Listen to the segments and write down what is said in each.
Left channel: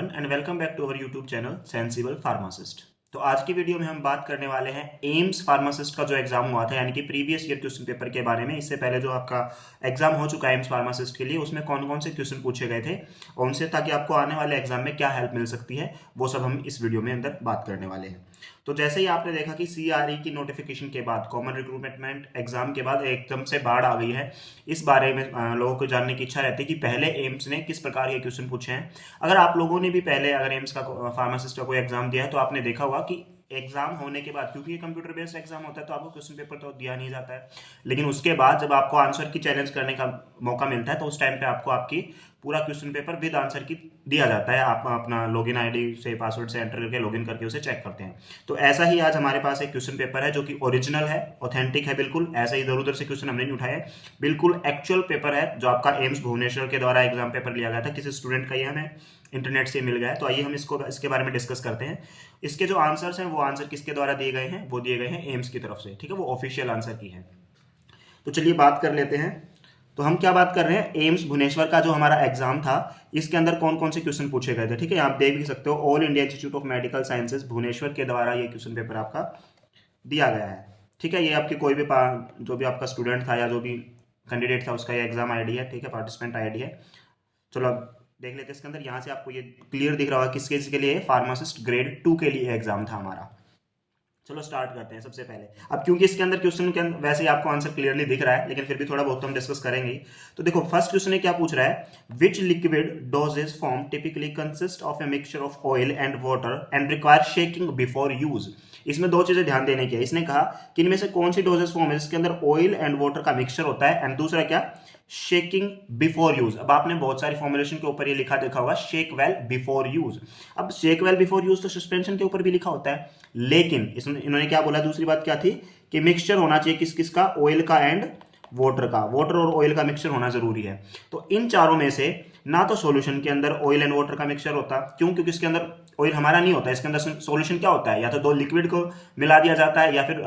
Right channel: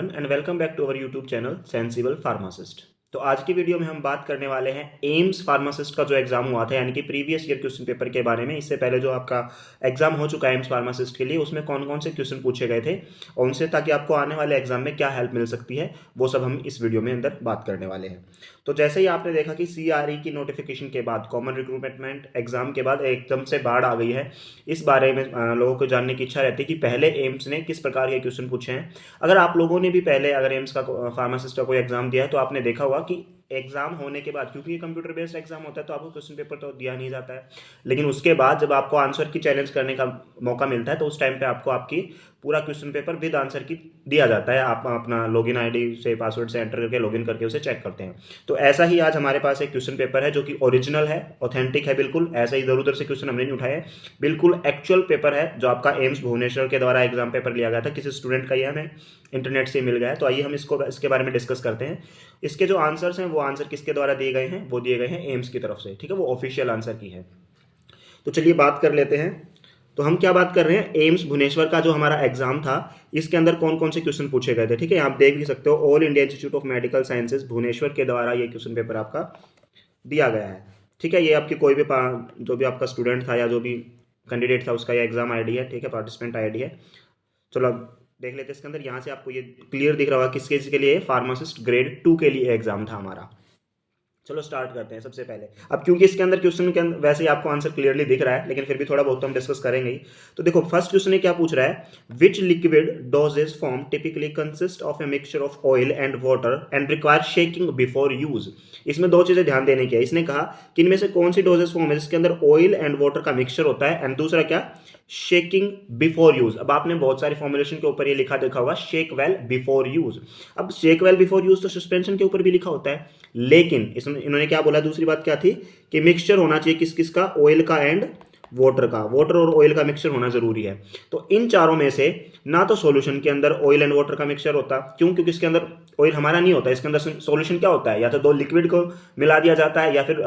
Everyone and welcome back to our YouTube channel sensible pharmacist. तो आज की video में हम बात करने वाले हैं एम्स फार्मासिस्ट का जो एग्जाम हुआ था यानी कि प्रीवियस ईयर क्वेश्चन पेपर के बारे में। इससे पहले जो आपका एग्जाम हो चुका है एम्स फार्मासिस्ट के लिए, उसमें कौन कौन से क्वेश्चन पूछे गए थे और उनसे ताकि आपको आने वाले एग्जाम में क्या हेल्प मिल सकती है वो सब हम इस वीडियो में अंदर बात करने वाले हैं। तो जैसे ही आपने देखा कि CRE की नोटिफिकेशन के बाद, कॉमन रिक्रूटमेंट एग्जाम के बाद एकदम से बाढ़ आ गई है। इस बारे में लोगों को जानने की इच्छा रहती है कि पहले एम्स ने किस प्रकार के क्वेश्चन पूछे हैं। अगर आप लोगों ने भी पहले अगर एम्स का फार्मासिस्ट का कोई एग्जाम दिया है तो आपने देखा होगा कि एग्जाम होने के बाद, क्योंकि ये कंप्यूटर बेस्ड एग्जाम होता है तो आपको क्वेश्चन पेपर तो दिया नहीं जाता है, लेकिन उसके बाद जब आपको आंसर की चैलेंज करने का मौका मिलता है तो उस टाइम पे आपको आपकी पूरा क्वेश्चन पेपर विद आंसर की दिया जाता है। आप अपना लॉगिन आईडी से, पासवर्ड से एंटर करके लॉगिन करके उसे चेक करते हैं। तो ऐसा ही आज हमारे पास एक क्वेश्चन पेपर है जो कि ओरिजिनल है, ऑथेंटिक है, बिल्कुल ऐसा ही इधर उधर से क्वेश्चन हमने नहीं उठाया है, बिल्कुल एक्चुअल पेपर है जो आपका एम्स भुवनेश्वर के द्वारा एग्जाम पेपर लिया गया था। किसी स्टूडेंट का ये हमें इंटरनेट से मिल गया है। तो आइए हम इसके बारे में डिस्कस करते हैं। इसके जो आंसर्स हैं वो आंसर किसके द्वारा दिए गए हैं, वो दिए गए हैं एम्स की तरफ से, ठीक है, वो ऑफिशियल आंसर की है। तो चलिए बात कर लेते हैं। तो हम क्या बात कर रहे हैं, एम्स भुवनेश्वर का जो हमारा एग्जाम था इसके अंदर कौन कौन से क्वेश्चन पूछे गए थे, ठीक है। आप देख भी सकते हो, All India Institute of Medical Sciences Bhubaneswar के द्वारा ये क्वेश्चन पेपर आपका दिया गया है, ठीक है। ये आपकी कोई भी जो भी आपका स्टूडेंट था या जो भी कैंडिडेट था उसका ये एग्जाम आईडी है, ठीक है, पार्टिसिपेंट आईडी है। चलो अब देख लेते हैं इसके अंदर। यहाँ से आपको ये क्लियर दिख रहा होगा किसके के लिए, फार्मासिस्ट ग्रेड 2 के लिए एग्जाम था हमारा। चलो स्टार्ट करते हैं सबसे पहले। अब क्योंकि इसके अंदर क्वेश्चन के अंदर वैसे ही आपको आंसर क्लियरली दिख रहा है, लेकिन फिर भी थोड़ा बहुत तो हम डिस्कस करेंगे। तो देखो फर्स्ट क्वेश्चन क्या पूछ रहा है, विच liquid doses form typically consist of a mixture of oil and water and require shaking before use. इसमें दो चीजें ध्यान देने की है। इसने कहा कि इनमें से कौन सी डोजेज फॉर्म है जिसके अंदर ऑयल एंड वाटर का मिक्सचर होता है, एंड दूसरा क्या, शेकिंग बिफोर यूज। अब आपने बहुत सारी फॉर्मुलेशन के ऊपर ये लिखा देखा होगा, शेक वेल बिफोर यूज। अब शेक वेल बिफोर यूज तो सस्पेंशन के ऊपर भी लिखा होता है, लेकिन इसमें इन्होंने क्या बोला, दूसरी बात क्या थी कि मिक्सचर होना चाहिए किस किस का, ऑयल का एंड वाटर का, वाटर और ऑयल का मिक्सचर होना जरूरी है। तो इन चारों में से ना तो सॉल्यूशन के अंदर ऑयल एंड वाटर का मिक्सचर होता, क्यों, क्योंकि इसके अंदर ऑयल हमारा नहीं होता। इसके अंदर सॉल्यूशन क्या होता है, या तो दो लिक्विड को मिला दिया जाता है या फिर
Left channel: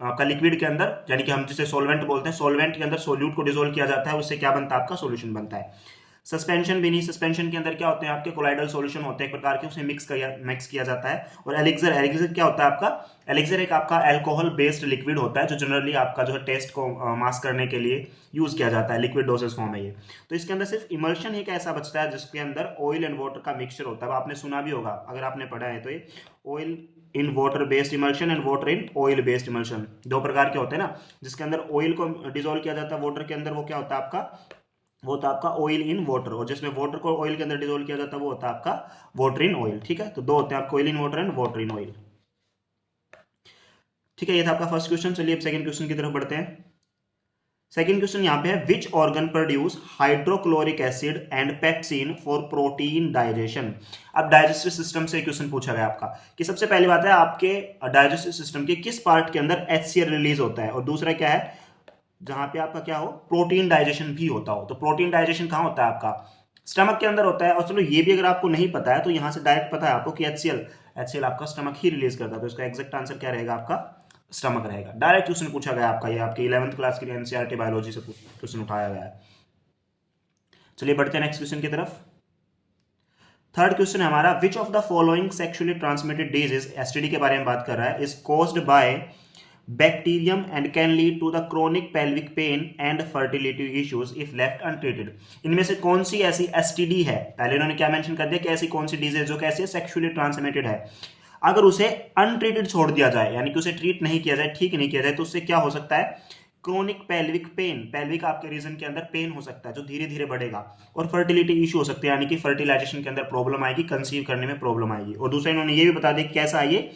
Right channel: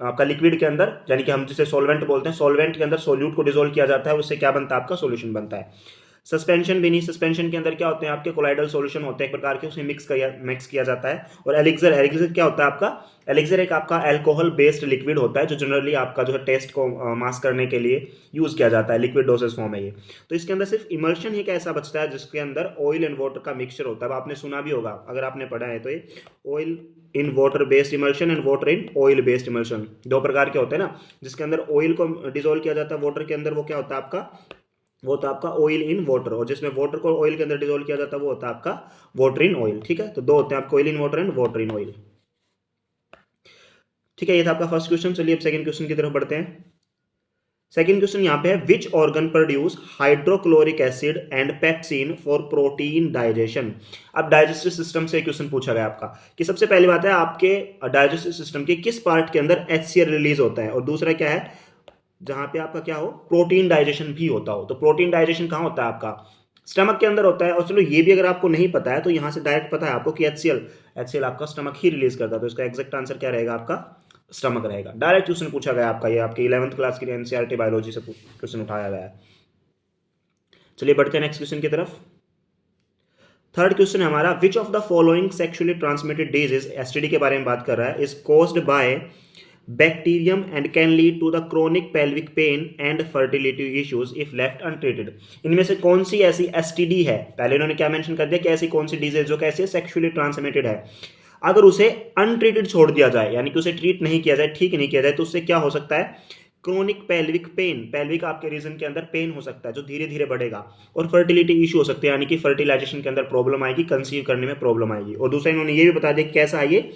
आपका लिक्विड के अंदर, यानी कि हम जिसे सॉल्वेंट बोलते हैं, सॉल्वेंट के अंदर सोल्यूट को डिसोल्व किया जाता है, उससे क्या बनता है, आपका सॉल्यूशन बनता है। सस्पेंशन भी नहीं, सस्पेंशन के अंदर क्या होते हैं, आपके कोलाइडल सॉल्यूशन होते हैं एक प्रकार के, उसे मिक्स किया जाता है। और एलिक्सर, एलिक्सर क्या होता है आपका, एलिक्सर एक आपका अल्कोहल बेस्ड लिक्विड होता है जो जनरली आपका जो है टेस्ट को मास्क करने के लिए यूज किया जाता है, लिक्विड डोसेज फॉर्म है ये। तो इसके अंदर सिर्फ इमल्शन ही ऐसा बचता है जिसके अंदर ऑयल एंड वाटर का मिक्सचर होता है। अब आपने सुना भी होगा अगर आपने पढ़ा है तो, ये oil in water based emulsion and water in oil based emulsion, दो प्रकार के होते हैं ना, जिसके अंदर ऑयल को डिसोल्व किया जाता है, वाटर के अंदर वो क्या होता है आपका, वो होता है आपका ऑयल इन वाटर, और जिसमें वाटर को ऑयल के अंदर डिसोल्व किया जाता है वो होता है आपका वाटर इन ऑयल, ठीक है। तो दो होते हैं आपको, oil in water and water in oil, ठीक है। ये था आपका फर्स्ट क्वेश्चन। चलिए अब सेकंड क्वेश्चन की तरफ बढ़ते हैं। सेकंड क्वेश्चन यहाँ पे है, which organ produce hydrochloric acid and pepsin for protein digestion. अब डाइजेस्टिव सिस्टम से क्वेश्चन पूछा गया आपका कि सबसे पहली बात है आपके डाइजेस्टिव सिस्टम के किस पार्ट के अंदर HCl रिलीज होता है, और दूसरा क्या है जहां पे आपका क्या हो, प्रोटीन डाइजेशन भी होता हो। तो प्रोटीन डाइजेशन कहां होता है आपका, स्टमक के अंदर होता है। और चलो ये भी अगर आपको नहीं पता है तो यहां से डायरेक्ट पता है आपको कि HCl आपका स्टमक ही रिलीज करता है, तो इसका एग्जैक्ट आंसर क्या रहेगा, आपका स्टमक रहेगा। डायरेक्ट क्वेश्चन पूछा गया आपका, ये आपके 11th क्लास के लिए NCERT बायोलॉजी से क्वेश्चन उठाया गया है। चलिए बढ़ते हैं नेक्स्ट क्वेश्चन की तरफ। थर्ड क्वेश्चन है हमारा, which of the following sexually transmitted disease, STD के बारे में बात कर रहा है, is caused by bacterium and can lead to the chronic pelvic pain and fertility issues if left untreated. इनमें से कौन सी ऐसी STD है, पहले इन्होंने क्या मेंशन कर दिया कि ऐसी कौन सी डिजीज जो कैसे सेक्सुअली ट्रांसमिटेड है, अगर उसे अनट्रीटेड छोड़ दिया जाए, यानी कि उसे ट्रीट नहीं किया जाए, ठीक नहीं किया जाए, तो उससे क्या हो सकता है, क्रोनिक पेल्विक पेन, पेल्विक आपके रीजन के अंदर पेन हो सकता है जो धीरे धीरे बढ़ेगा, और फर्टिलिटी इशू हो सकते हैं, यानी कि फर्टिलाइजेशन के अंदर प्रॉब्लम आएगी, कंसीव करने में प्रॉब्लम आएगी। और दूसरा इन्होंने ये भी बता दिया कैसा है, ये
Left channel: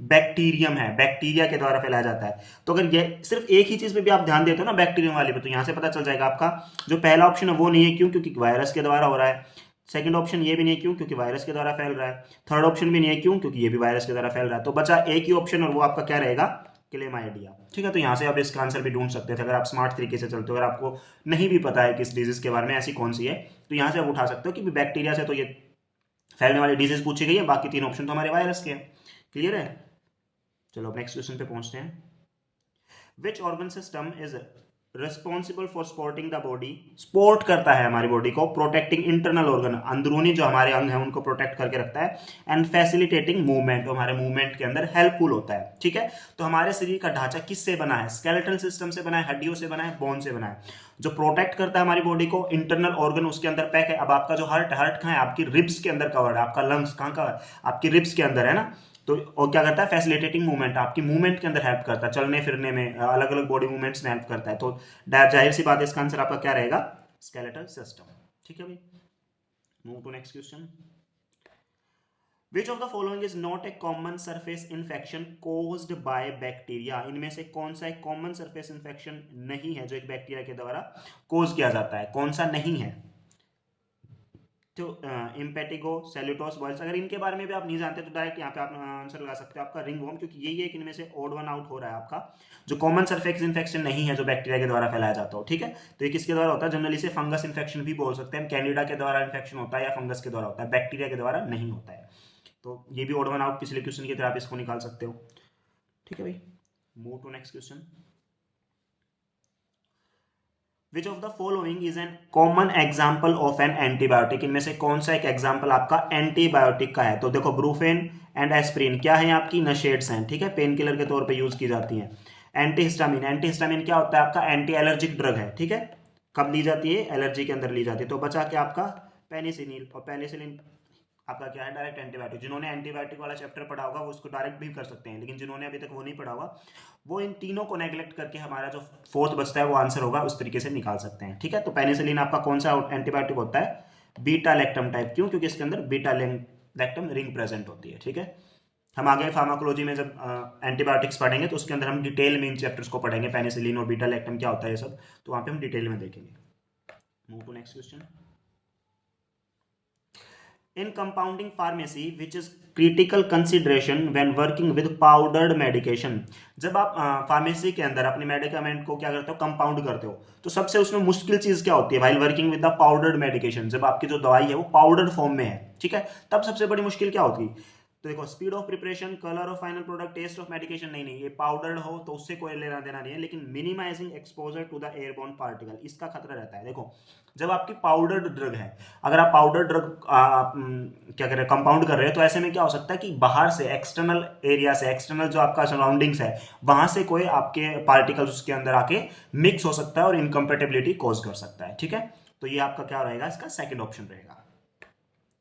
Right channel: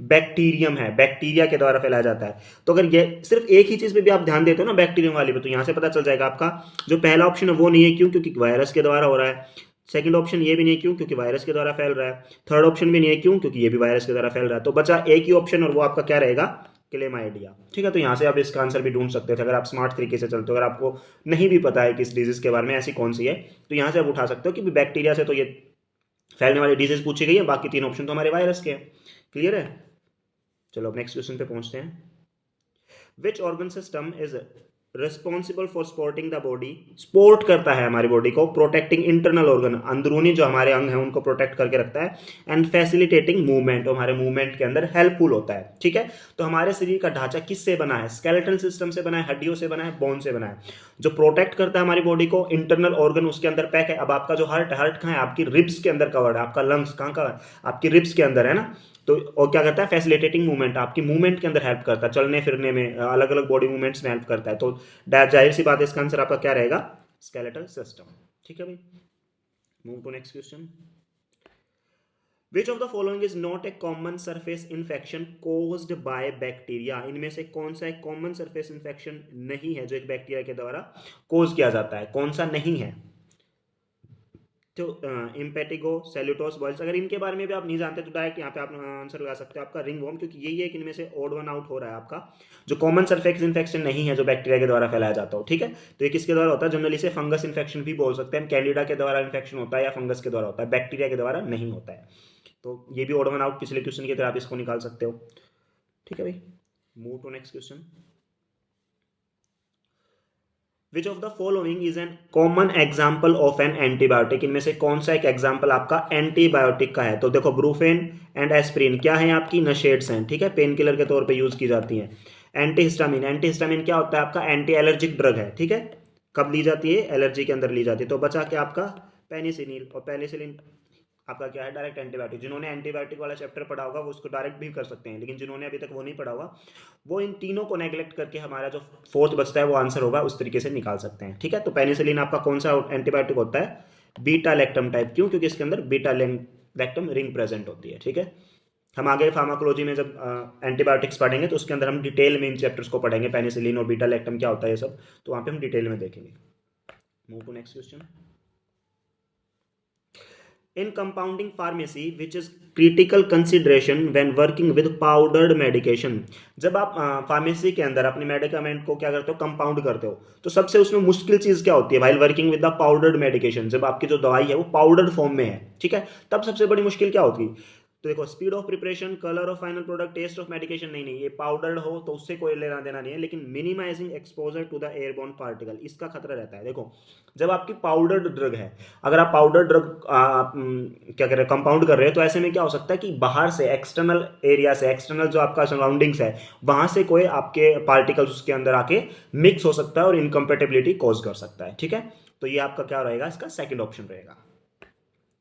बैक्टीरियम है, बैक्टीरिया के द्वारा फैलाया जाता है। तो अगर ये सिर्फ एक ही चीज पे भी आप ध्यान देते हो ना, बैक्टीरियम वाले पे, तो यहां से पता चल जाएगा आपका जो पहला ऑप्शन है वो नहीं है, क्यों, क्योंकि वायरस के द्वारा हो रहा है। सेकंड ऑप्शन ये भी नहीं है, क्यों, क्योंकि वायरस के द्वारा फैल रहा है। थर्ड ऑप्शन भी नहीं है, क्यों, क्योंकि ये भी वायरस के द्वारा फैल रहा है। तो बचा एक ही ऑप्शन, और वो आपका क्या रहेगा, क्लेमाइडिया, ठीक है। तो यहाँ से आप इसका आंसर भी ढूंढ सकते थे अगर आप स्मार्ट तरीके से चलते हो। अगर आपको नहीं भी पता है कि इस डिजीज के बारे में ऐसी कौन सी है, तो यहाँ से आप उठा सकते हो कि बैक्टीरिया से तो ये फैलने वाली डिजीज पूछी गई है, बाकी तीन ऑप्शन तो हमारे वायरस के हैं। क्लियर है। चलो अब नेक्स्ट क्वेश्चन पे पहुंचते हैं। Which organ system is responsible for supporting the body, support करता है हमारी बॉडी को, प्रोटेक्टिंग इंटरनल ऑर्गन, अंदरूनी जो हमारे अंग हैं उनको प्रोटेक्ट करके रखता है, एंड फैसिलिटेटिंग मूवमेंट, हमारे मूवमेंट के अंदर हेल्पफुल होता है। ठीक है, तो हमारे शरीर का ढांचा किससे बना है? स्केलेटल सिस्टम से बना है, हड्डियों से बना है, बोन से बना है। जो प्रोटेक्ट करता है हमारी बॉडी को, इंटरनल ऑर्गन उसके अंदर पैक है। अब आपका जो हार्ट कहाँ है? आपकी रिब्स के अंदर कवर्ड है। आपका लंग्स कहाँ का है? आपकी रिब्स के अंदर है ना। तो और क्या करता है? फैसिलिटेटिंग मूवमेंट, आपकी मूवमेंट के अंदर हेल्प करता है, चलने फिरने में, अलग अलग बॉडी मूवमेंट्स में हेल्प करता है। तो जाहिर सी बात है इसका आंसर आपका क्या रहेगा? Skeletal system. ठीक है भाई, move to next question. Which of the following is not a common surface infection caused by bacteria? इनमें से कौन सा एक कॉमन सरफेस इन्फेक्शन नहीं है जो एक बैक्टीरिया के द्वारा कोज किया जाता है? कौन सा नहीं है? तो इम्पेटिगो, सेल्यूटोस, बॉयल्स, अगर इनके बारे में भी आप नहीं जानते तो डायरेक्ट यहाँ पे आप आंसर लगा सकते हो आपका रिंगवॉर्म, क्योंकि यही एक इनमें से ऑड वन आउट हो रहा है आपका, जो कॉमन सरफेस इन्फेक्शन नहीं है जो बैक्टीरिया के द्वारा फैलाया जाता हो। ठीक है, तो ये किसके द्वारा होता है? जनरली से फंगस इन्फेक्शन भी बोल सकते हैं, कैंडिडा के द्वारा इन्फेक्शन होता है या फंगस के द्वारा होता है, बैक्टीरिया के द्वारा नहीं होता है। तो ये भी ऑड वन आउट पिछले क्वेश्चन की तरह आप इसको निकाल सकते हो। ठीक है भाई, move to next question. Which of the following is an common example of an antibiotic? इनमें से कौन सा एक एग्जाम्पल आपका एंटीबायोटिक का है? तो देखो, ब्रूफेन एंड एस्प्रिन क्या है? आपकी नशेड्स हैं। ठीक है, पेन किलर के तौर पे यूज की जाती हैं। एंटीहिस्टामिन, एंटीहिस्टामिन क्या होता है? आपका एंटी एलर्जिक ड्रग है। ठीक है, कब ली जाती है? एलर्जी के अंदर ली जाती है। तो बचा के आपका पेनिसिलिन, और पेनिसिलिन आपका क्या है? Direct antibiotic. जिन्होंने एंटीबायोटिक वाला चैप्टर पढ़ा होगा वो उसको डायरेक्ट भी कर सकते हैं, लेकिन जिन्होंने अभी तक वो नहीं पढ़ा होगा वो इन तीनों को नेग्लेक्ट करके हमारा जो फोर्थ बचता है वो आंसर होगा उस तरीके से निकाल सकते हैं। ठीक है, तो पेनिसिलिन आपका कौन सा एंटीबायोटिक होता है? Beta lactam type. क्यों? क्योंकि इसके अंदर बीटा लैक्टम रिंग प्रेजेंट होती है। ठीक है, हम आगे फार्माकोलॉजी में जब एंटीबायोटिक्स पढ़ेंगे तो उसके अंदर हम डिटेल में इन चैप्टर्स को पढ़ेंगे, पेनिसिलिन और बीटा लैक्टम क्या होता है ये सब, तो वहां पे हम डिटेल में देखेंगे। Move to next question. In compounding pharmacy, which is critical consideration when working with powdered medication, जब आप फार्मेसी के अंदर अपने मेडिकामेंट को क्या करते हो? कंपाउंड करते हो, तो सबसे उसमें मुश्किल चीज क्या होती है? While working with the powdered medication, जब आपकी जो दवाई है वो पाउडर्ड फॉर्म में है, ठीक है, तब सबसे बड़ी मुश्किल क्या होती है? तो देखो, speed of preparation, colour of final product, taste of medication, नहीं नहीं, ये पाउडर्ड हो तो उससे कोई लेना देना नहीं है, लेकिन minimising exposure to the airborne particle, इसका खतरा रहता है। देखो, जब आपकी पाउडर्ड ड्रग है, अगर आप पाउडर्ड ड्रग क्या कर रहे हैं? कंपाउंड कर रहे हो, तो ऐसे में क्या हो सकता है कि बाहर से, एक्सटर्नल एरिया से, एक्सटर्नल जो आपका सराउंडिंग्स है वहां से कोई आपके पार्टिकल्स उसके अंदर आके मिक्स हो सकता है और इनकम्पेटेबिलिटी कॉज कर सकता है। ठीक है, तो ये आपका क्या रहेगा? इसका सेकंड ऑप्शन रहेगा।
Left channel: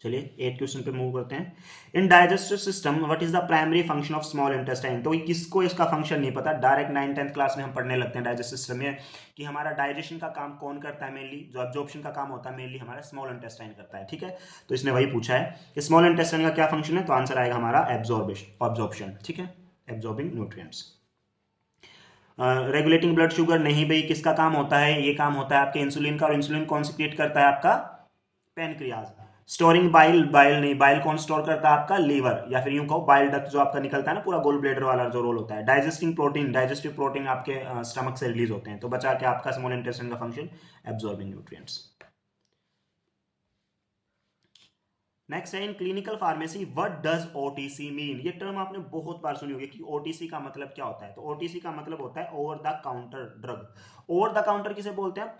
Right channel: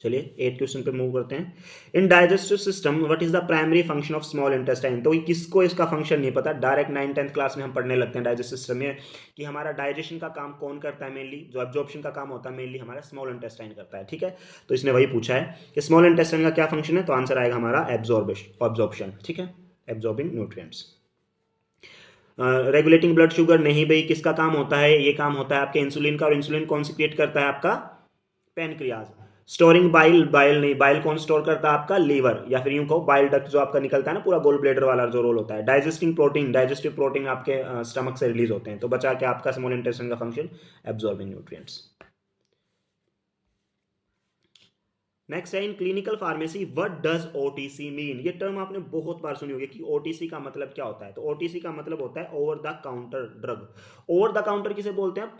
चलिए 8 क्वेश्चन पे मूव करते हैं। In digestive system what is the primary function of small intestine? तो किसको इसका फंक्शन नहीं पता? डायरेक्ट 9th-10th क्लास में हम पढ़ने लगते हैं डाइजेस्टिव सिस्टम में कि हमारा डाइजेशन का काम कौन करता है? मेनली जो एब्जॉर्प्शन का काम होता है मेनली हमारा स्मॉल इंटेस्टाइन करता है। ठीक है, तो इसने वही पूछा है कि स्मॉल इंटेस्टाइन का क्या फंक्शन है, तो आंसर आएगा हमारा एब्जॉर्प्शन। ठीक है, absorbing nutrients. Regulating blood sugar, नहीं भाई, किसका काम होता है? ये काम होता है आपके इंसुलिन का, और इंसुलिन कौन सिक्रिएट करता है? आपका पैनक्रियाज। स्टोरिंग बाइल, बाइल नहीं, बाइल कौन स्टोर करता है? आपका लीवर, या फिर यूं कहो बाइल डक्ट जो आपका निकलता है ना पूरा गोल ब्लेडर वाला जो रोल होता है। डाइजेस्टिंग प्रोटीन, डाइजेस्टिव प्रोटीन आपके स्टमक से रिलीज होते हैं। तो बचा के आपका स्मॉल इंटेस्टाइन का फंक्शन एब्जॉर्बिंग न्यूट्रिएंट्स। नेक्स्ट है, in clinical pharmacy what does OTC mean? ये टर्म आपने बहुत बार सुनी होगी कि ओटीसी का मतलब क्या होता है। तो ओटीसी का मतलब होता है over the counter drug. Over the counter किसे बोलते हैं?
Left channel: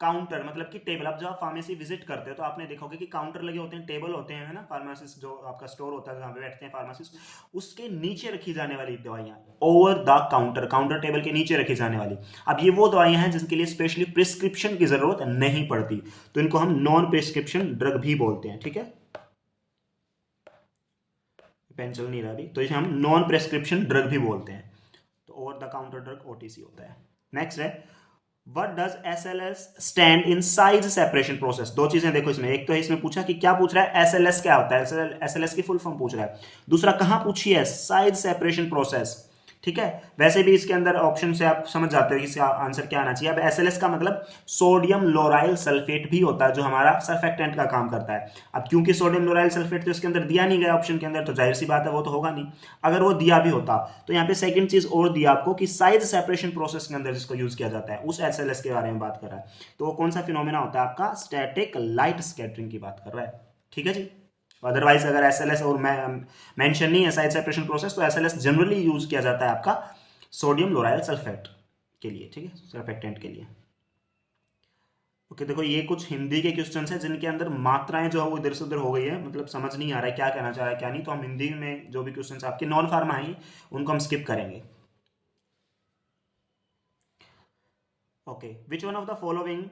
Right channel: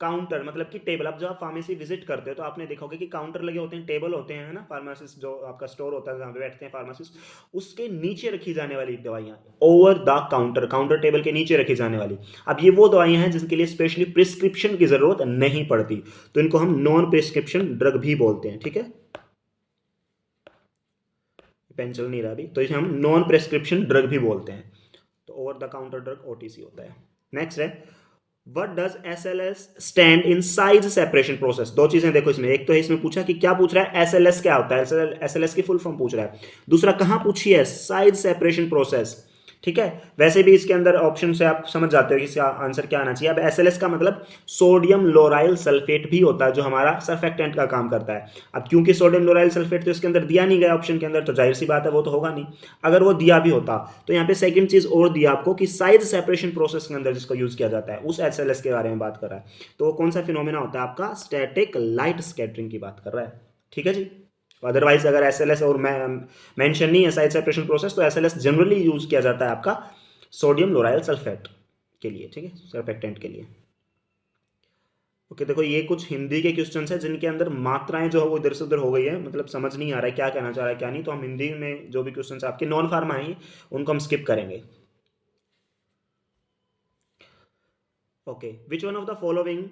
काउंटर मतलब कि टेबल। अब जब आप फार्मेसी विजिट करते हो तो आपने देखा होगा कि काउंटर लगे होते हैं, टेबल होते हैं, है ना, फार्मासिस्ट जो आपका स्टोर होता है जहाँ पे बैठते हैं फार्मासिस्ट, उसके नीचे रखी जाने वाली दवाइयाँ over the counter, counter table के नीचे रखी जाने वाली। अब ये वो दवाइयाँ हैं जिनके लिए स्पेशली प्रिस्क्रिप्शन की जरूरत नहीं पड़ती, तो इनको हम नॉन प्रिस्क्रिप्शन ड्रग भी बोलते हैं। ठीक है, पेन चल नहीं रहा अभी, तो इसे हम नॉन प्रेस्क्रिप्शन ड्रग भी बोलते हैं। तो over the counter drug OTC होता है। नेक्स्ट है, what does SLS stand in size separation process? दो चीजें देखो इसमें, एक तो है इसमें पूछा कि क्या पूछ रहा है? एसएलएस क्या होता है, एसएलएस की फुल फॉर्म पूछ रहा है। दूसरा कहां पूछी है? Size separation process. ठीक है, वैसे भी इसके अंदर ऑप्शन से आप समझ जाते हो कि इसका आंसर क्या आना चाहिए। अब एसएलएस का मतलब सोडियम लोराइल सल्फेट भी होता है जो हमारा सर्फेक्टेंट का काम करता है। अब क्योंकि सोडियम लोराइल सल्फेट तो इसके अंदर दिया नहीं गया ऑप्शन के अंदर, तो जाहिर सी बात है वो तो होगा नहीं। अगर वो दिया भी होता तो यहाँ पे सेकंड चीज और दिया आपको कि साइज सेपरेशन प्रोसेस के अंदर जिसको यूज किया जाता है उस एसएलएस के बारे में बात कर रहा है। तो वो कौन सा फिनोमेना होता है? आपका स्टैटिक लाइट स्कैटरिंग की बात कर रहा है। ठीक है जी, अदरवाइज अगर एसएलएस और मेंशन नहीं है साइज सेपरेशन प्रोसेस, तो एसएलएस जनरली यूज किया जाता है आपका सोडियम लोराइल सल्फेट के लिए। ठीक है, सर्फेक्टेंट के लिए। ओके देखो ये कुछ हिंदी के क्वेश्चन है जिनके अंदर मात्राएं जो है वो इधर से उधर हो गई है, मतलब समझ नहीं आ रहा है क्या कहना चाह रहा है क्या नहीं, तो हम हिंदी में जो भी क्वेश्चन आपके नॉन फार्मा है उनको हम स्किप करेंगे। Okay, which one of the following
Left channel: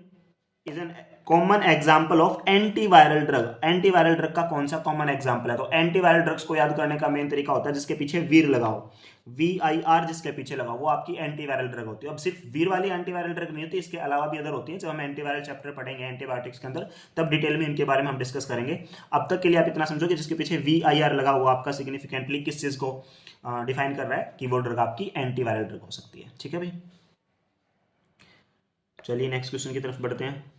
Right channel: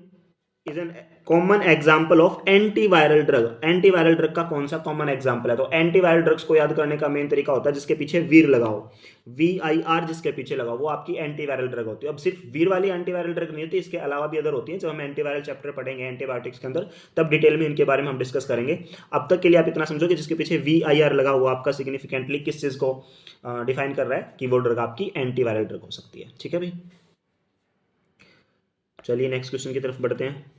is an common example of antiviral drug. Antiviral drug का कौन सा कॉमन एग्जाम्पल है? तो एंटीवायरल ड्रग्स को याद करने का मेन तरीका होता है जिसके पीछे वीर लगाओ, VIR जिसके पीछे लगाओ वो आपकी एंटीवायरल ड्रग होती है। अब सिर्फ वीर वाली एंटीवायरल ड्रग नहीं होती, इसके अलावा भी अदर होती है। जब हम एंटीवायरल चैप्टर पढ़ेंगे एंटीबायोटिक्स के अंदर तब डिटेल में इनके बारे में हम डिस्कस करेंगे। अब तक के लिए आप इतना समझो कि जिसके पीछे VIR लगा हुआ आपका सिग्निफिकेंटली किस चीज को डिफाइन कर रहा है कि वो ड्रग आपकी एंटीवायरल ड्रग हो सकती है। ठीक है भाई, चलिए नेक्स्ट क्वेश्चन की तरफ बढ़ते हैं।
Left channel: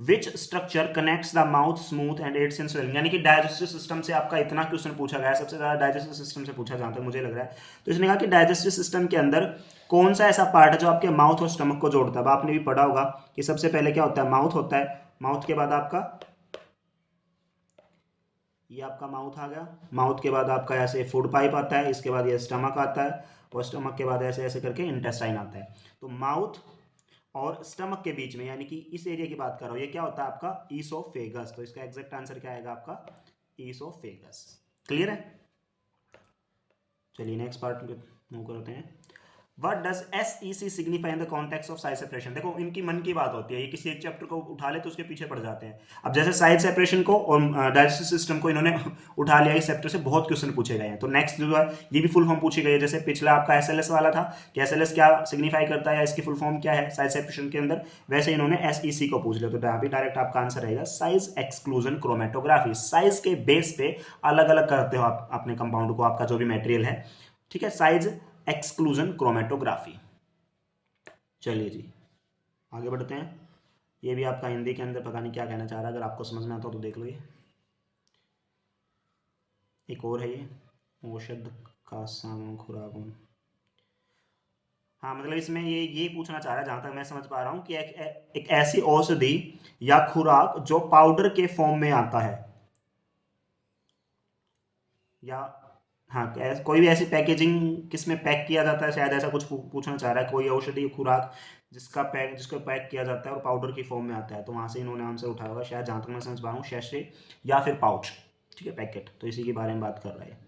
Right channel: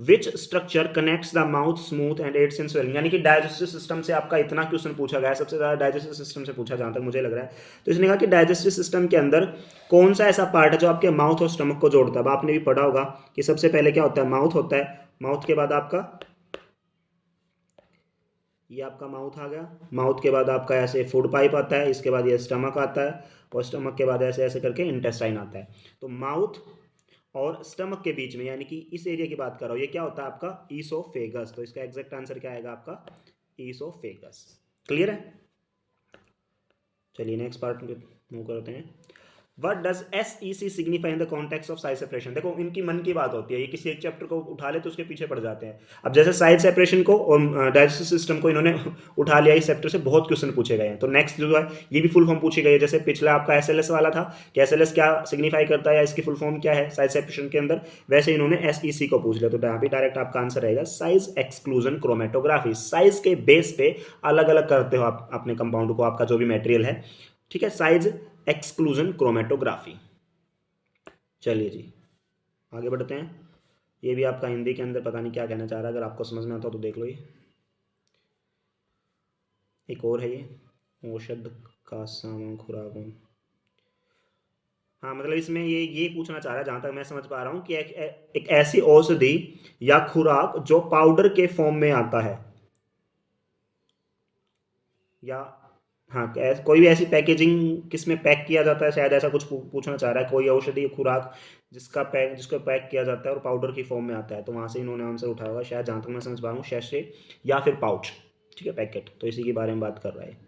Which structure connects the mouth smooth and aids in swelling, यानी कि डाइजेस्टिव सिस्टम से आपका इतना क्वेश्चन पूछा गया है, सबसे ज्यादा डाइजेस्टिव सिस्टम से पूछा जहां तक मुझे लग रहा है। तो इसने कहा कि डाइजेस्टिव सिस्टम के अंदर कौन सा ऐसा पार्ट है जो आपके माउथ और स्टमक को जोड़ता है। अब आपने भी पढ़ा होगा कि सबसे पहले क्या होता है, माउथ होता है, माउथ के बाद आपका ये आपका माउथ आ गया, माउथ के बाद आपका ऐसे फूड पाइप आता है, इसके बाद ये स्टमक आता है और स्टमक के बाद ऐसे ऐसे करके इंटेस्टाइन आता है। तो माउथ और स्टमक के बीच में यानी कि इस एरिया की बात कर रहा हूं, ये क्या होता है आपका ईसोफेगस। तो इसका एग्जैक्ट आंसर क्या आएगा आपका ईसोफेगस। क्लियर है, चलिए नेक्स्ट पार्ट मूव करते हैं। What does SEC signify in the context of size separation? देखो इनकी मन की बात होती है, ये किसी एक चैप्टर को उठा ले तो उसके पीछे पड़ जाते हैं। अब जैसे साइज सेपरेशन को और डाइजेस्टिव सिस्टम को इन्होंने उठा लिया, इस चैप्टर से बहुत क्वेश्चन पूछे गए हैं। तो नेक्स्ट जो है ये भी फुल फॉर्म पूछी गई है, जैसे पिछला आपका SLS वाला था कि SLS क्या सिग्निफाई करता है या इसकी फुल फॉर्म क्या है साइज सेपरेशन के अंदर, वैसे इन्होंने SEC को पूछ लिया। तो यहाँ पे डायरेक्ट आपका आंसर रहेगा साइज एक्सक्लूजन क्रोमेटोग्राफी। साइज के बेस पे अलग अलग करते हो आप अपने कंपाउंड को, आपका जो भी मेटेरियल है, ठीक है, साइज एक्सक्लूजन क्रोमेटोग्राफी। चलिए जी आगे बढ़ते हैं। ये भी आपका हिंदी के अंदर पता नहीं क्या कहना चाह रहा है, अगर आपको समझ में आता हो तो देख लो। ये एक और है, ये औषध का साम खुराक। हाँ मतलब इसमें ये पूछना चाह रहा है जहां तक मैं समझ पा रहा हूं कि एक ऐसी औषधि या खुराक जो पाउडर के फॉर्म में आता है, या हाँ कोई भी ऐसी पैकेजिंग किसमें पैक किया जाता है, शायद ऐसा कुछ पूछना चाह रहा है। कोई औषधि खुराक जिसको पैक किया जाता है और पाउडर की फॉर्म में आता है, तो वहां से इन्होंने आंसर उठाया होगा शायद, जहां तक मैं समझ पा रहा हूँ शैशे या फिर पाउच, ठीक है, पैकेट। तो इसी के बारे में बात कर रहा है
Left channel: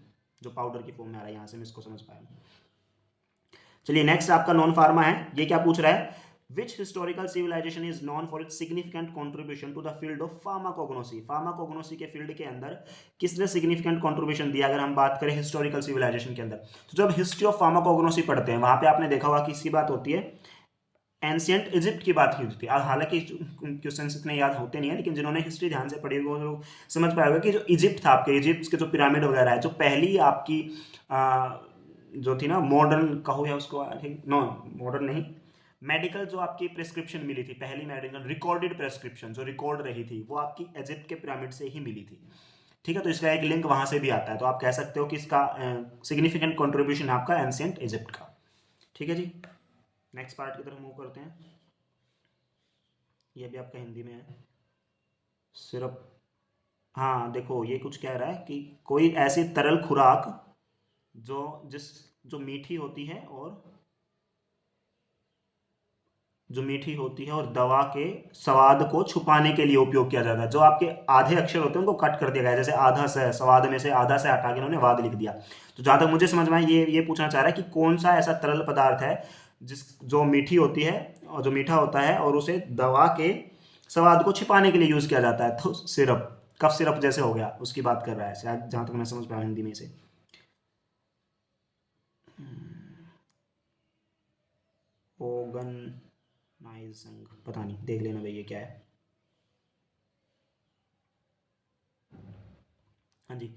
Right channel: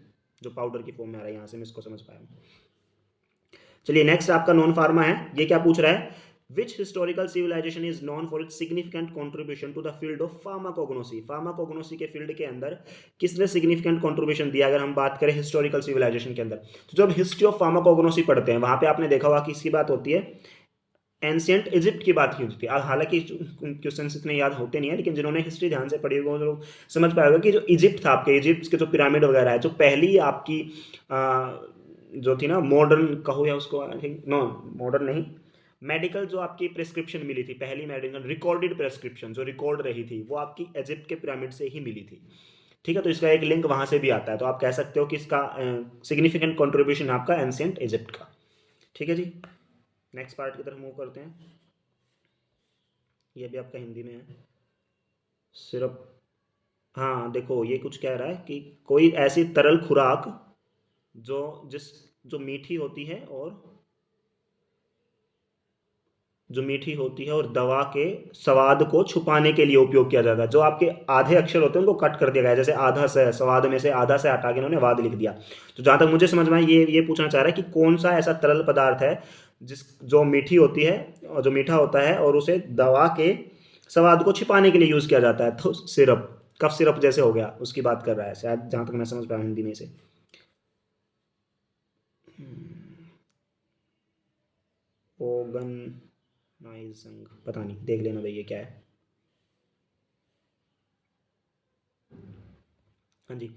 जो पाउडर की फॉर्म में आ रहा है, यहाँ से मैं इसको समझ पाया हूँ। चलिए नेक्स्ट आपका नॉन फार्मा है। ये क्या पूछ रहा है, Which historical civilization is known for its significant contribution to the field of pharmacognosy? Pharmacognosy के फील्ड के अंदर किसने सिग्निफिकेंट कंट्रीब्यूशन दिया? अगर हम बात करें हिस्टोरिकल सिविलाइजेशन के अंदर, तो जब हिस्ट्री ऑफ फार्माकोग्नोसी पढ़ते हैं वहां पे आपने देखा होगा कि इसकी बात होती है एंशियंट इजिप्ट की बात की होती है। हालांकि क्वेश्चन इतने याद होते नहीं है, लेकिन जिन्होंने हिस्ट्री ध्यान से पढ़ी होगी वो लोग समझ पाएगा कि जो इजिप्ट था, आपके इजिप्ट के जो पिरामिड वगैरह है, जो पहली आपकी जो थी ना मॉडर्न कहो या उसको, नो मॉडर्न नहीं, मेडिकल जो आपकी प्रेस्क्रिप्शन मिली थी, पहली मेडिकल रिकॉर्डेड प्रेस्क्रिप्शन जो रिकॉर्ड रही थी, वो आपकी इजिप्ट के पिरामिड से ही मिली थी। ठीक है, तो इसका एक लिंक वहां से भी आता है, तो आप कह सकते हो कि इसका सिग्निफिकेंट कंट्रीब्यूशन आपका एंशिएंट इजिप्ट का। ठीक है जी, नेक्स्ट पार्ट की तरफ मूव करते हैं। ये भी आपका हिंदी में है सिर्फ। हाँ देखो ये कुछ कह रहा है कि कोई ऐसी तरल खुराक जो मीठी होती है और दवा के स्वाद को छुपाने के लिए उपयोग किया जाता है। जो आपके आधे अक्षर होते हैं उनको कट कर दिया गया है, जैसे आधा से स्वाद में से आधा से हटा के इन्होंने वाद लिख दिया। तो जहां तक मुझे समझ में ये पूछना चाह रहा है कि कौन सा ऐसा तरल पदार्थ है जो मीठी होती है और जो मीठा होता है और उसे दवा के स्वाद को छिपाने के लिए यूज किया जाता है। तो सिरप, कफ सिरप जैसे हो गया, उसकी बात कर रहा है शायद, जहां तक मैं समझ पाया हिंदी में से। ओगन नाइजंग, पता नहीं, देख लेना भाई ये क्या है। हाँ जी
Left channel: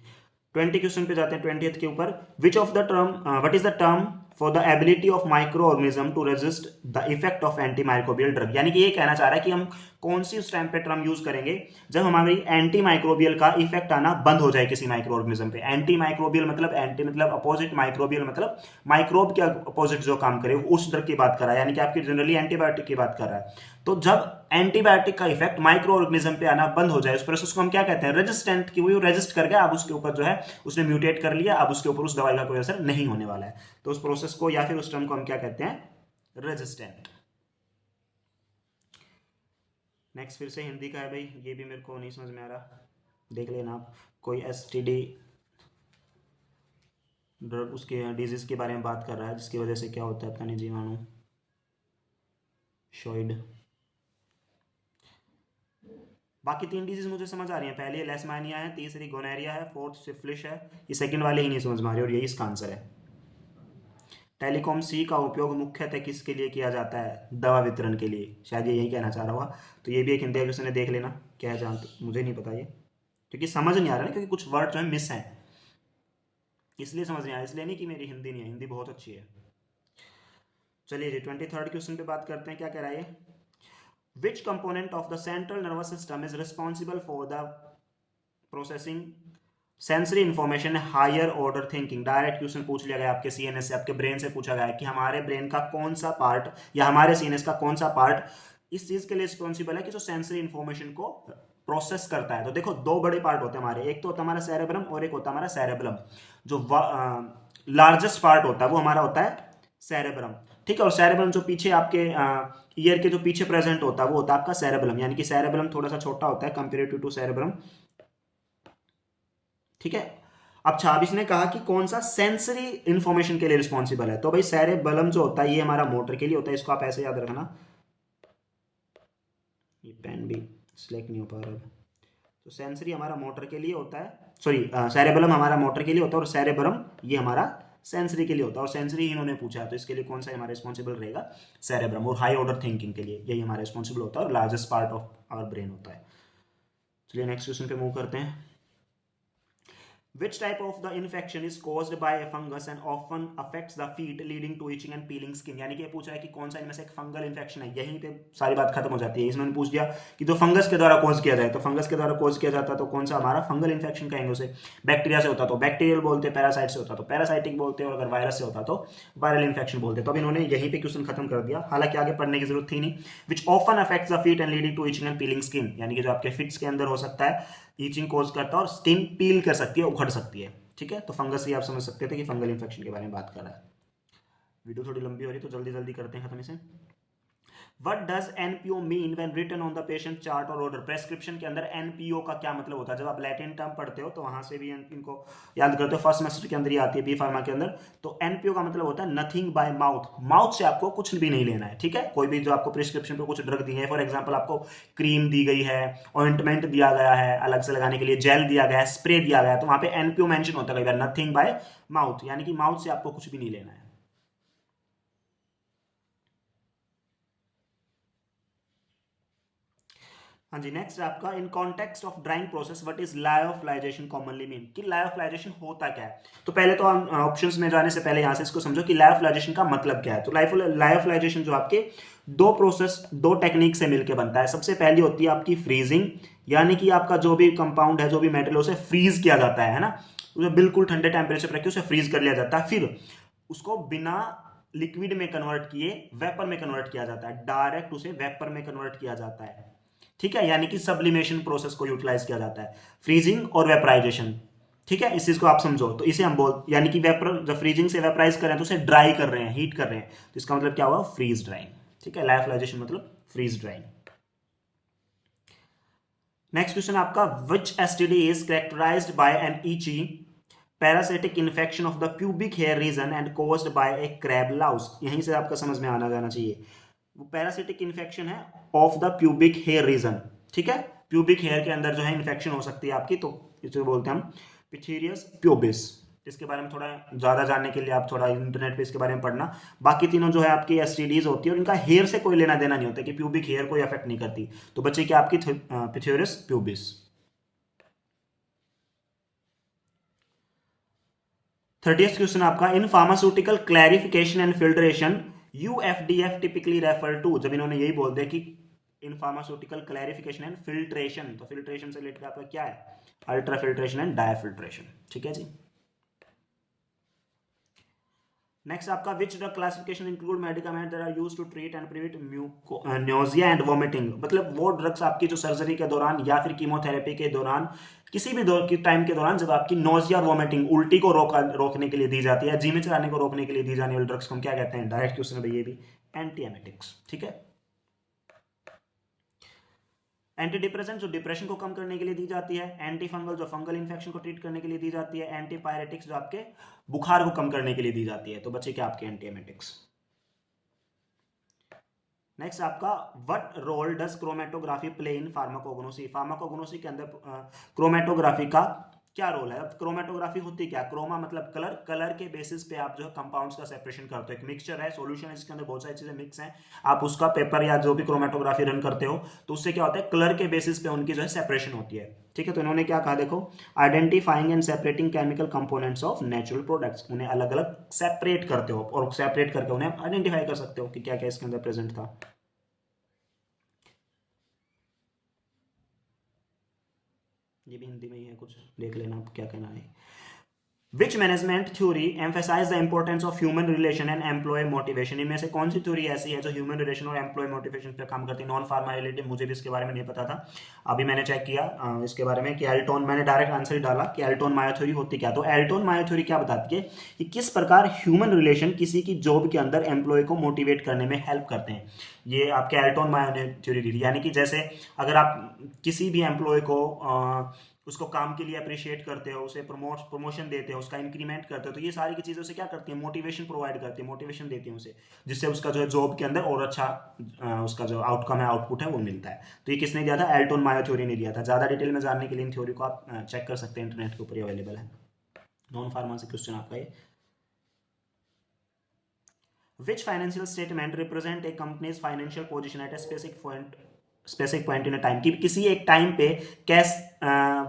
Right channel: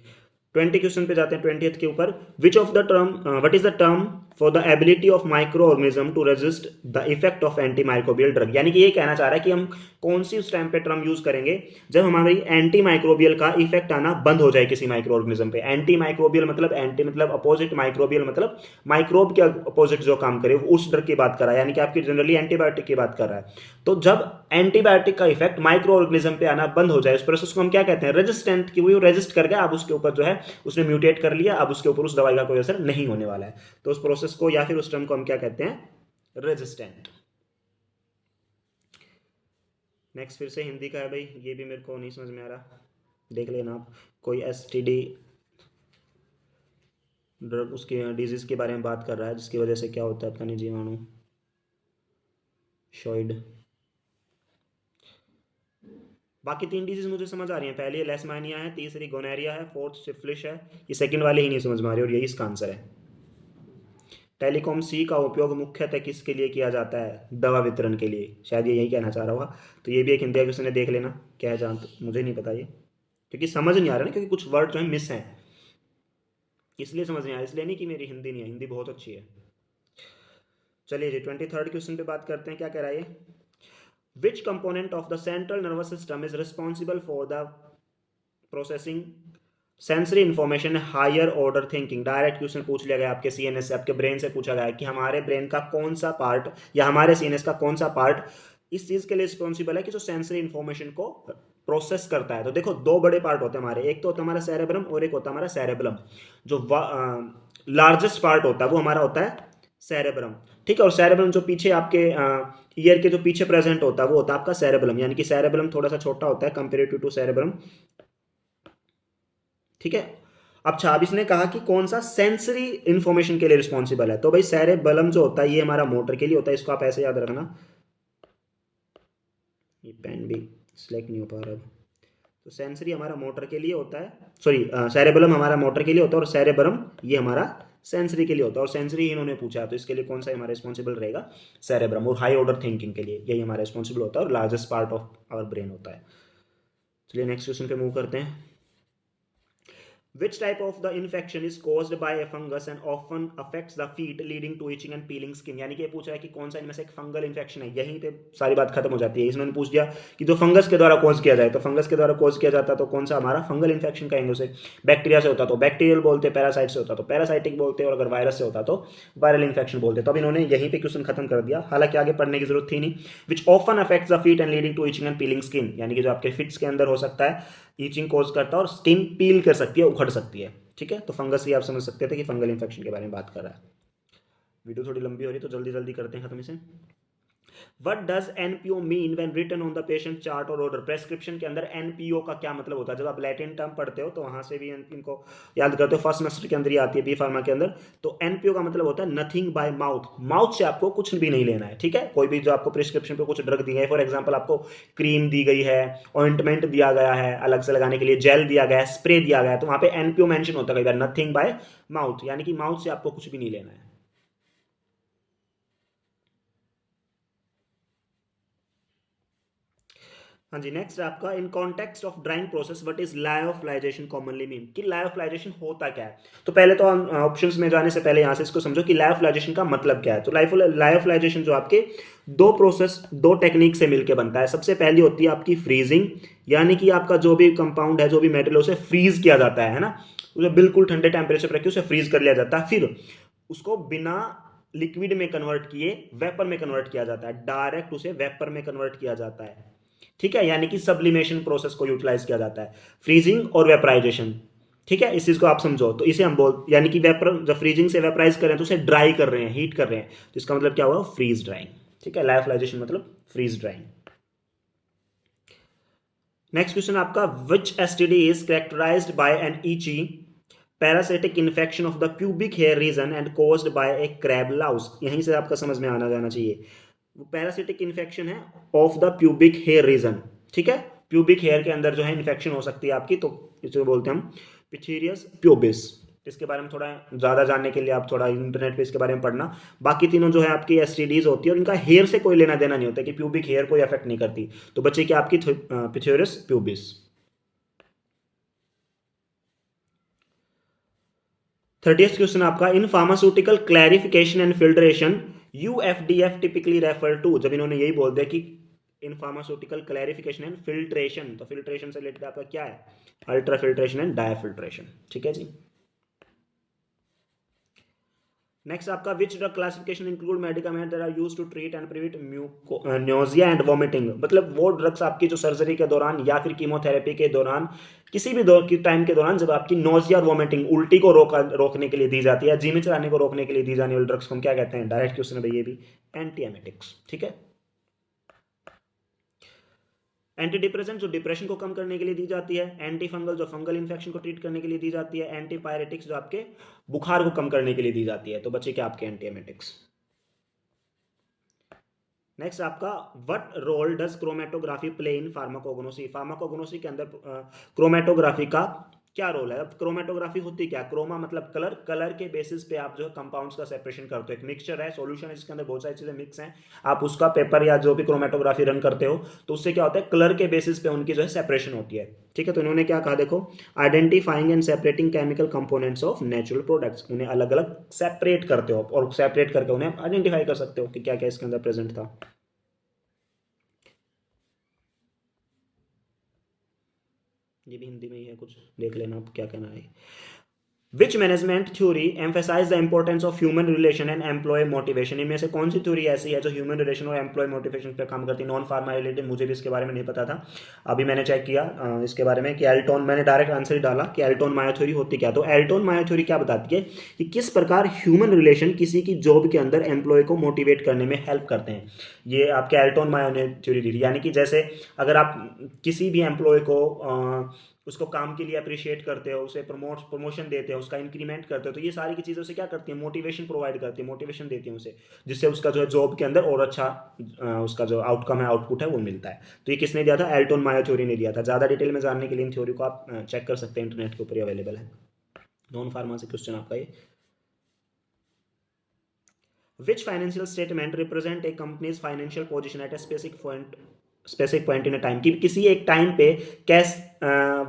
20 क्वेश्चन पे जाते हैं, 20th के ऊपर। Which of the term what is the term for the ability of microorganism to resist the effect of antimicrobial drug? यानी कि ये कहना चाह रहा है कि हम कौन सी उस टाइम पे टर्म यूज करेंगे जब हमारी एंटी माइक्रोबियल का इफेक्ट आना बंद हो जाए किसी माइक्रो ऑर्गेनिज्म पे। एंटी माइक्रोबियल मतलब एंटी मतलब अपोजिट, माइक्रोबियल मतलब माइक्रोब के अपोजिट जो काम करे, उस ड्रग की बात कर रहा है, यानी कि आपकी जनरली एंटीबायोटिक की बात कर रहा है। तो जब एंटीबायोटिक का इफेक्ट माइक्रो ऑर्गेनिज्म पे आना बंद हो जाए, उस प्रोसेस को हम क्या कहते हैं? रेजिस्टेंट, कि वो रेजिस्ट कर गया, अब उसके ऊपर जो है उसने म्यूटेट कर लिया, अब उसके ऊपर उस दवाई का कोई असर नहीं होने वाला है। तो उस प्रोसेस को या फिर उस टर्म को हम क्या कहते हैं? रेजिस्टेंट। नेक्स्ट फिर से हिंदी का है भाई, ये भी मेरे को नहीं समझ में आ रहा, देख लेना आप। कोई STD ड्रग, उसके डिजीज़ के बारे में बात कर रहा है, जिसकी वजह से क्या होता है, आपका जीवाणु शॉइड। बाकी 3 डिजीज मुझे समझ आ रही हैं, पहली लेशमानिया है, तीसरी गोनेरिया है, फोर्थ सिफिलिस है। ये सेकंड वाली ही नहीं समझ में आ रही और यही इसका आंसर है। टेलीकॉम सी का उपयोग मुख्यतः किसके लिए किया जाता है? दवा वितरण के लिए, शायद ये यही कहना चाह रहा होगा। तो ये भी एक हिंदी क्वेश्चन है, देख लेना क्या है, जान तो मुझे नहीं पता ये, क्योंकि समझ नहीं आ रहा ना, क्योंकि कुछ वर्ड जो है मिस हैं, इसलिए समझ नहीं आ रहा, इसलिए नहीं कि मेरी हिंदी नहीं है, हिंदी बहुत अच्छी है। चलिए जी 23rd क्वेश्चन पे बात करते हैं, क्या कह रहा है ये। Which component of the central nervous system is responsible for the processing sensory information higher order thinking? Direct question पूछ लिया गया आपके CNS से, आपके ब्रेन से पूछा गया है कि हमारे ब्रेन का कौन सा पार्ट या हमारे CNS का कौन सा पार्ट इस चीज के लिए रिस्पॉन्सिबल है कि जो सेंसरी इन्फॉर्मेशन को प्रोसेस करता है। तो देखो 2 बड़े पार्ट होते हैं हमारे, एक तो होता है हमारा सेरेब्रम और एक होता है हमारा सेरेब्रम। जो लार्जेस्ट पार्ट होता है वो हमारा होता है सेरेब्रम, ठीक है। और सेरेब्रम जो पीछे आपके ईयर के जो पीछे प्रेजेंट होता है वो होता है आपका सेरेब्रम, यानी कि सेरेब्रम थोड़ा सा छोटा होता है कंपेरेटिव टू सेरेब्रम, ठीक है। अच्छा, अब इसने कहा कि कौन सा सेंसरी इंफॉर्मेशन के लिए रिस्पॉन्सिबल है, तो भाई सेरेबेलम जो होता है ये हमारा मोटर के लिए होता है, इसको आप ऐसे याद रखना। ये पेन भी सिलेक्ट नहीं हो पा रहा अब। तो सेंसरी हमारा मोटर के लिए होता है, सॉरी सेरेबेलम हमारा मोटर के लिए होता है और सेरेबरम ये हमारा सेंसरी के लिए होता है। और सेंसरी इन्होंने पूछा है, तो इसके लिए कौन सा हमारा रिस्पॉन्सिबल रहेगा? सेरेब्रम। और हाई ऑर्डर थिंकिंग के लिए यही हमारा रिस्पॉन्सिबल होता है और largest part of our brain होता है। चलिए नेक्स्ट क्वेश्चन पे मूव करते हैं। Which type of the infection is caused by a fungus and often affects the feet leading to itching and peeling skin? यानी कि ये पूछा है कि कौन सा इनमें से एक फंगल इन्फेक्शन है, यहीं पे सारी बात खत्म हो जाती है। इसमें पूछ दिया कि जो फंगस के द्वारा कॉज किया जाए, तो फंगस के द्वारा कॉज किया जाता है तो कौन सा हमारा फंगल इन्फेक्शन कहेंगे उसे। बैक्टीरिया से होता तो बैक्टीरियल बोलते, पैरासाइट से होता तो पैरासाइटिक बोलते, और अगर वायरस से होता तो वायरल इन्फेक्शन बोलते। तो अब इन्होंने यहीं पे क्वेश्चन खत्म कर दिया, हालांकि आगे पढ़ने की जरूरत थी नहीं। Which often affects the feet and leading to itching and peeling skin, यानी कि जो आपके फिट्स के अंदर हो सकता है, ईचिंग कॉज करता है और स्किन पील कर सकती है, उखड़ सकती है, ठीक है। तो फंगस ही आप समझ सकते थे कि फंगल इन्फेक्शन के बारे में बात कर रहा है। वीडियो थोड़ी लंबी हो रही है तो जल्दी जल्दी करते हैं खत्म इसे। What does NPO mean when written on the patient chart or order? Prescription के अंदर NPO का क्या मतलब होता है? जब आप लैटिन टर्म पढ़ते हो तो वहां से भी इनको याद करते हो, फर्स्ट सेमेस्टर के अंदर ही आती है बी फार्मा के अंदर। तो NPO का मतलब होता है नथिंग बाय माउथ, माउथ से आपको कुछ भी नहीं लेना है, ठीक है। कोई भी जो आपको प्रिस्क्रिप्शन पे कुछ ड्रग दी है, फॉर एग्जाम्पल आपको क्रीम दी गई है, ऑइंटमेंट दिया गया है अलग से लगाने के लिए, जेल दिया गया है, स्प्रे दिया गया है, तो वहां पे NPO मेंशन होता है कई बार, नथिंग बाय माउथ, यानी कि माउथ से आपको कुछ भी नहीं लेना है। हाँ जी, नेक्स्ट आपका in context of drying process what is lyophilization commonly mean, कि लायोफिलाइजेशन होता क्या है। तो पहले तो हम ऑप्शंस में जाने से पहले यहाँ से इसको समझो कि लायोफिलाइजेशन का मतलब क्या है। तो लायोफिलाइजेशन जो आपके 2 प्रोसेस 2 टेक्निक से मिलकर बनता है। सबसे पहली होती है आपकी फ्रीजिंग, यानी कि आपका जो भी कंपाउंड है, जो भी मेटल है, उसे फ्रीज किया जाता है ना, उसे बिल्कुल ठंडे टेम्परेचर पर रख के उसे फ्रीज कर लिया जाता है, फिर उसको बिना लिक्विड में कन्वर्ट किए वेपर में कन्वर्ट किया जाता है, डायरेक्ट उसे वेपर में कन्वर्ट किया जाता है, ठीक है। यानी कि सब्लिमेशन प्रोसेस को यूटिलाइज किया जाता है, फ्रीजिंग और वेपराइजेशन, ठीक है। इस चीज को आप समझो, तो इसे हम यानी कि वेपर, जब फ्रीजिंग से वेपराइज कर रहे हैं तो उसे ड्राई कर रहे हैं, हीट कर रहे हैं, तो इसका मतलब क्या हुआ? फ्रीज ड्राइंग, ठीक है। लायोफिलाइजेशन मतलब फ्रीज ड्राइंग। नेक्स्ट क्वेश्चन आपका, which STD is characterized by an itchy parasitic infection of the pubic hair region and caused by a crab louse? यहीं से आपका समझ में आना जाना चाहिए। वो पैरासिटिक इन्फेक्शन है of the pubic hair region, ठीक है। प्यूबिक हेयर के अंदर जो है इन्फेक्शन हो सकती है आपकी, तो इसे बोलते हैं हम पिथेरियस प्यूबिस। इसके बारे में थोड़ा ज़्यादा जानने के लिए आप थोड़ा इंटरनेट पे इसके बारे में पढ़ना। बाकी तीनों जो है आपकी एसटीडीज होती है और इनका हेयर से कोई लेना देना नहीं होता, कि प्यूबिक हेयर कोई अफेक्ट नहीं करती। तो बच्चे की आपकी पिथेरियस प्यूबिस। 30th क्वेश्चन आपका, in pharmaceutical clarification and filtration UFDF typically refer to? जब इन्होंने यही बोल दिया कि in pharmaceutical clarification and filtration, तो फिल्ट्रेशन से रिलेटेड आपका क्या है? अल्ट्रा फिल्ट्रेशन एंड डायफिल्ट्रेशन, ठीक है जी। नेक्स्ट आपका, which drug classification include medicament that are used to treat and prevent nausea and vomiting? मतलब वो ड्रग्स आपकी जो सर्जरी के दौरान या फिर कीमोथेरेपी के दौरान, किसी भी टाइम के दौरान जब आपकी नोजिया और वॉमिटिंग, उल्टी को रोकने के लिए दी जाती है, जी में चलाने को रोकने के लिए दी जाने वाली ड्रग्स को हम क्या कहते हैं? डायरेक्ट क्वेश्चन है भाई ये भी, एंटी एमेटिक्स, ठीक है। एंटी डिप्रेसेंट जो डिप्रेशन को कम करने के लिए दी जाती है, एंटी फंगल जो फंगल इन्फेक्शन को ट्रीट करने के लिए दी जाती है, एंटी पायरेटिक्स जो आपके बुखार को कम करने के लिए दी जाती है। तो बच्चे क्या आपके एंटीएमेटिक्स। नेक्स्ट आपका what role does chromatography play in pharmacognosy. Pharmacognosy के अंदर क्रोमेटोग्राफी का क्या रोल है। अब क्रोमेटोग्राफी होती क्या, क्रोमा मतलब कलर, कलर के बेसिस पे आप जो है कंपाउंड्स का सेपरेशन करते हो। एक मिक्सचर है, सॉल्यूशन है जिसके अंदर बहुत सारी चीजें मिक्स हैं, आप उसका पेपर या जो भी क्रोमेटोग्राफी रन करते हो तो उससे क्या होता है, कलर के बेसिस पे उनकी जो है सेपरेशन होती है। ठीक है, तो इन्होंने क्या कहा, देखो identifying and separating chemical components of natural products, उन्हें अलग अलग सेपरेट करते हो और सेपरेट करके उन्हें आइडेंटिफाई कर सकते हो कि क्या क्या इसके अंदर प्रेजेंट था। ये भी हिंदी में ही है, कुछ देख लेना आप क्या कहना है। Which management theory emphasize the importance of human relation and employee motivation? इनमें से कौन सी थ्योरी ऐसी है जो ह्यूमन रिलेशन और एम्प्लॉय मोटिवेशन पे काम करती है। नॉन फार्मा रिलेटेड, मुझे भी इसके बारे में नहीं पता था, अभी मैंने चेक किया इसके बारे में कि एल्टोन, मैंने डायरेक्ट आंसर ही डाला कि एल्टोन मायो थ्योरी होती क्या। तो एल्टोन मायो थ्योरी क्या बताती है कि किस प्रकार ह्यूमन रिलेशन किसी की जॉब के अंदर एम्प्लॉय को मोटिवेट करने में हेल्प करते हैं। ये आपके एल्टोन मायो ने थ्योरी दी, यानी कि जैसे अगर आप किसी भी एम्प्लॉय को उसको काम के लिए अप्रिशिएट करते हो, उसे प्रमोशन देते हो, उसका इंक्रीमेंट करते हो, तो ये सारी की चीज़ें उसे क्या करती है, मोटिवेशन प्रोवाइड करती है, मोटिवेशन देती है उसे, जिससे उसका जो है जॉब के अंदर और अच्छा उसका जो आउटकम है, आउटपुट है वो मिलता है। तो ये किसने दिया था, एल्टोन मायो थ्योरी ने दिया था। ज़्यादा डिटेल में जानने के लिए इन थ्योरी को आप चेक कर सकते हैं, इंटरनेट के ऊपर ही अवेलेबल है। नॉन फार्मा से क्वेश्चन आपका ये, Which financial statement represent a company's financial position at a specific point in a time, कि किसी एक टाइम पे कैश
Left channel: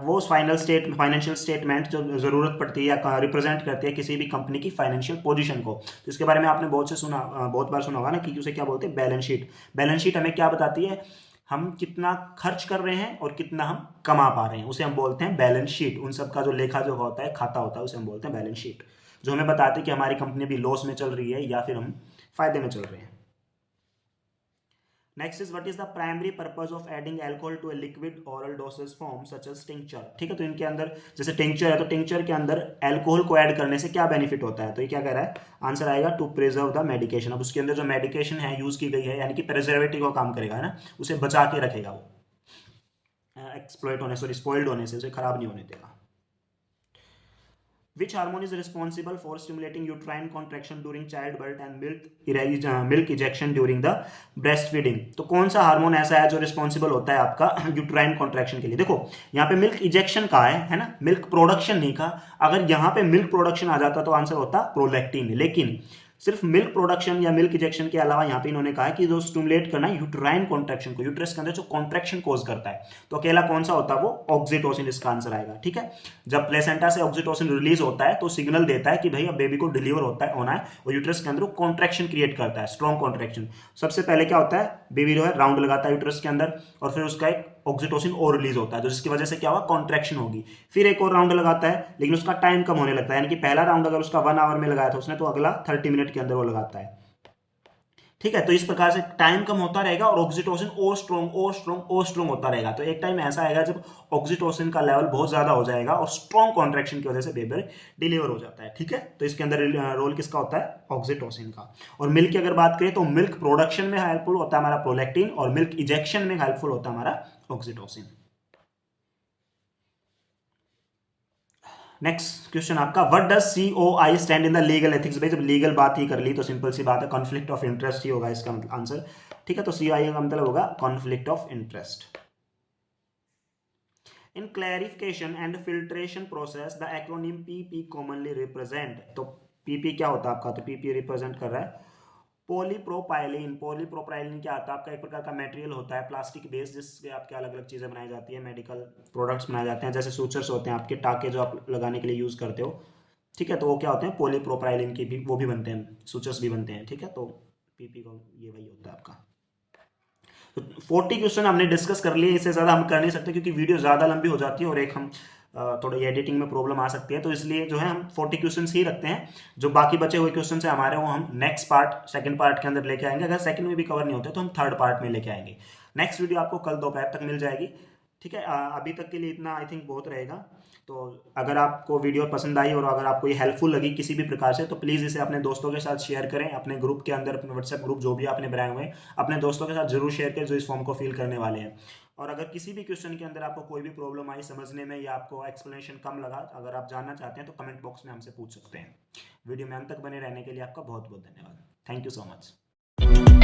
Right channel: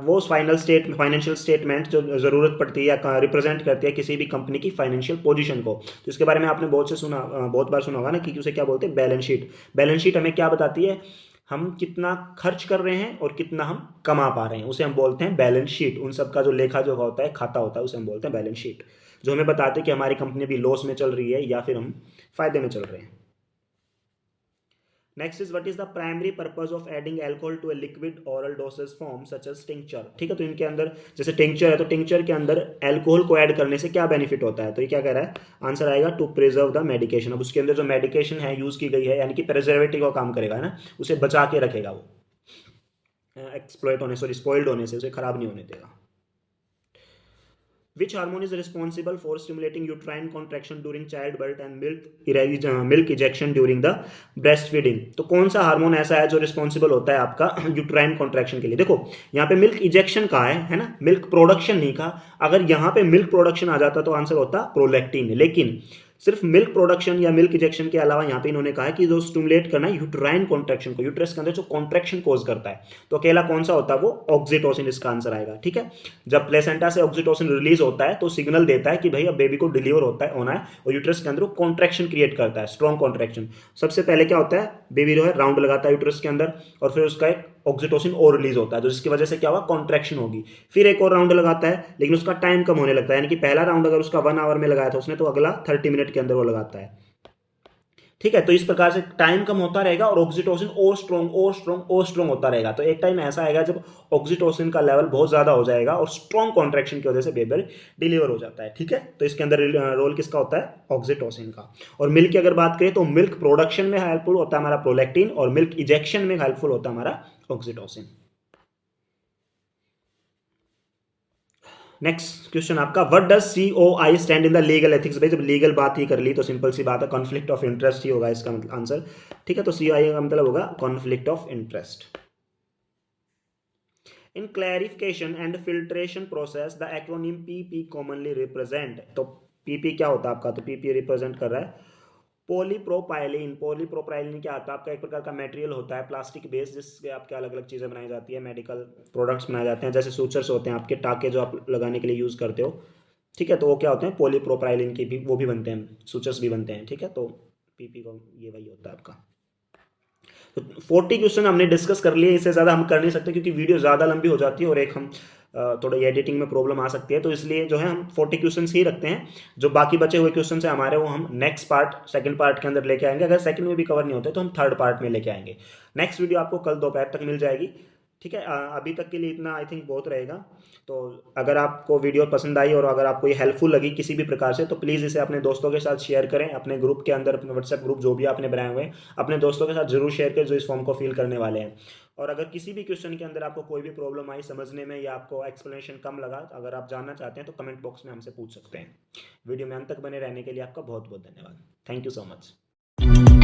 वो फाइनेंशियल स्टेटमेंट जो ज़रूरत पड़ती है या रिप्रेजेंट करती है किसी भी कंपनी की फाइनेंशियल पोजीशन को। तो इसके बारे में आपने बहुत बार सुना होगा ना कि उसे क्या बोलते हैं, बैलेंस शीट। बैलेंस शीट हमें क्या बताती है, हम कितना खर्च कर रहे हैं और कितना हम कमा पा रहे हैं, उसे हम बोलते हैं बैलेंस शीट। उन सब का जो लेखा जो होता है, खाता होता है, उसे हम बोलते हैं बैलेंस शीट, जो हमें बताते हैं कि हमारी कंपनी अभी लॉस में चल रही है या फिर हम फायदे में चल रहे हैं। Next is what is the primary purpose of adding alcohol to a liquid oral dosage form such as tincture. ठीक है, तो इनके अंदर जैसे टिंक्चर है, तो टिंक्चर के अंदर अल्कोहल को ऐड करने से क्या बेनिफिट होता है। तो ये क्या कह रहा है, आंसर आएगा टू प्रिजर्व द मेडिकेशन। अब उसके अंदर जो मेडिकेशन है यूज की गई है, यानी कि प्रिजर्वेटिव का काम करेगा, है ना, उसे बचा के रखेगा, वो एक्सप्लॉइट होने से, स्पॉइल्ड होने से, उसे खराब नहीं होने देगा। Which hormone is responsible for stimulating uterine contraction during childbirth and milk ejection during the breastfeeding? तो कौन सा हार्मोन ऐसा है जो रिस्पॉन्सिबल होता है आपका यूट्राइन कॉन्ट्रैक्शन के लिए। देखो यहाँ पे मिल्क इजेक्शन कहा है ना, मिल्क प्रोडक्शन नहीं कहा। अगर यहाँ पे मिल्क प्रोडक्शन आ जाता तो आंसर होता प्रोलैक्टिन, लेकिन सिर्फ मिल्क प्रोडक्शन या मिल्क इजेक्शन के अलावा यहाँ पे इन्होंने कहा है कि जो स्टिमुलेट करना है यूट्राइन कॉन्ट्रैक्शन को, यूट्रस के अंदर जो कॉन्ट्रैक्शन कोज करता है, तो अकेला कौन सा होता है, वो ऑक्सीटोसिन, इसका आंसर आएगा। ठीक है, जब प्लेसेंटा से ऑक्सीटोसिन रिलीज होता है तो सिग्नल देता है कि भाई अब बेबी को डिलीवर होना है, और यूट्रस के अंदर कॉन्ट्रैक्शन क्रिएट करता है, स्ट्रॉन्ग कॉन्ट्रैक्शन। सबसे पहले क्या होता है, बेबी जो है राउंड लगाता है यूट्रस के अंदर, और फिर उसका एक ऑक्सीटोसिन और रिलीज होता है, जिसकी वजह से क्या होगा, कॉन्ट्रैक्शन होगी। फिर एक और राउंड लगाता है, लेकिन उसका टाइम कम होने लगता है, यानी कि पहला राउंड अगर उसका 1 आवर में लगाया था उसने, तो अगला 30 मिनट के अंदर वो लगाता है। ठीक है, तो इस प्रकार से टाइम कम होता रहेगा और ऑक्सीटोसिन और स्ट्रॉन्ग होता रहेगा। तो एक टाइम ऐसा आएगा जब ऑक्सीटोसिन का लेवल बहुत ज्यादा हो जाएगा और स्ट्रॉन्ग कॉन्ट्रैक्शन की वजह से बेबी डिलीवर हो जाता है। ठीक है, तो इसके अंदर रोल किसका होता है, ऑक्सीटोसिन का। और मिल्क की अगर बात करें तो मिल्क प्रोडक्शन में हेल्पफुल होता है हमारा प्रोलैक्टिन, और मिल्क इजेक्शन में हेल्पफुल होता है हमारा ऑक्सीटोसिन। नेक्स्ट क्वेश्चन आपका, what does COI stand in the legal ethics. भाई जब लीगल बात ही कर ली तो सिंपल सी बात है, कॉन्फ्लिक्ट ऑफ इंटरेस्ट ही होगा इसका मतलब आंसर। ठीक है, तो COI का मतलब होगा conflict of interest. In clarification and filtration process the acronym PP commonly represent. तो PP क्या होता है आपका, तो PP रिप्रेजेंट कर रहा है पॉलीप्रोपाइलिन। पॉलीप्रोपाइलिन क्या आता है आपका, एक प्रकार का मटेरियल होता है प्लास्टिक बेस, जिससे आपके अलग अलग चीज़ें बनाई जाती है, मेडिकल प्रोडक्ट्स बनाए जाते हैं, जैसे सूचर्स होते हैं आपके, टाके जो आप लगाने के लिए यूज़ करते हो। ठीक है, तो वो क्या होते हैं, पॉलीप्रोपाइलिन की भी वो भी बनते हैं, सूचर्स भी बनते हैं। ठीक है, तो PP को ये वही होता है आपका। तो 40 क्वेश्चन हमने डिस्कस कर लिए, इससे ज़्यादा हम कर नहीं सकते क्योंकि वीडियो ज़्यादा लंबी हो जाती है और एक हम थोड़ा एडिटिंग में प्रॉब्लम आ सकती है, तो इसलिए जो है हम 40 क्वेश्चन ही रखते हैं। जो बाकी बचे हुए क्वेश्चन है हमारे, वो हम नेक्स्ट पार्ट, सेकंड पार्ट के अंदर लेके आएंगे। अगर सेकंड में भी कवर नहीं होते तो हम थर्ड पार्ट में लेके आएंगे। नेक्स्ट वीडियो आपको कल दोपहर तक मिल जाएगी। ठीक है, अभी तक के लिए इतना आई थिंक बहुत रहेगा। तो अगर आपको वीडियो पसंद आई और अगर आपको ये हेल्पफुल लगी किसी भी प्रकार से, तो प्लीज़ इसे अपने दोस्तों के साथ शेयर करें, अपने ग्रुप के अंदर, अपने व्हाट्सएप ग्रुप जो भी आपने बनाए हुए हैं अपने दोस्तों के साथ जरूर शेयर करें जो इस फॉर्म को फिल करने वाले हैं। और अगर किसी भी क्वेश्चन के अंदर आपको कोई भी प्रॉब्लम आई समझने में या आपको एक्सप्लेनेशन कम लगा, अगर आप जानना चाहते हैं तो कमेंट बॉक्स में हमसे पूछ सकते हैं। वीडियो में अंत तक बने रहने के लिए आपका बहुत बहुत धन्यवाद। Thank you so much.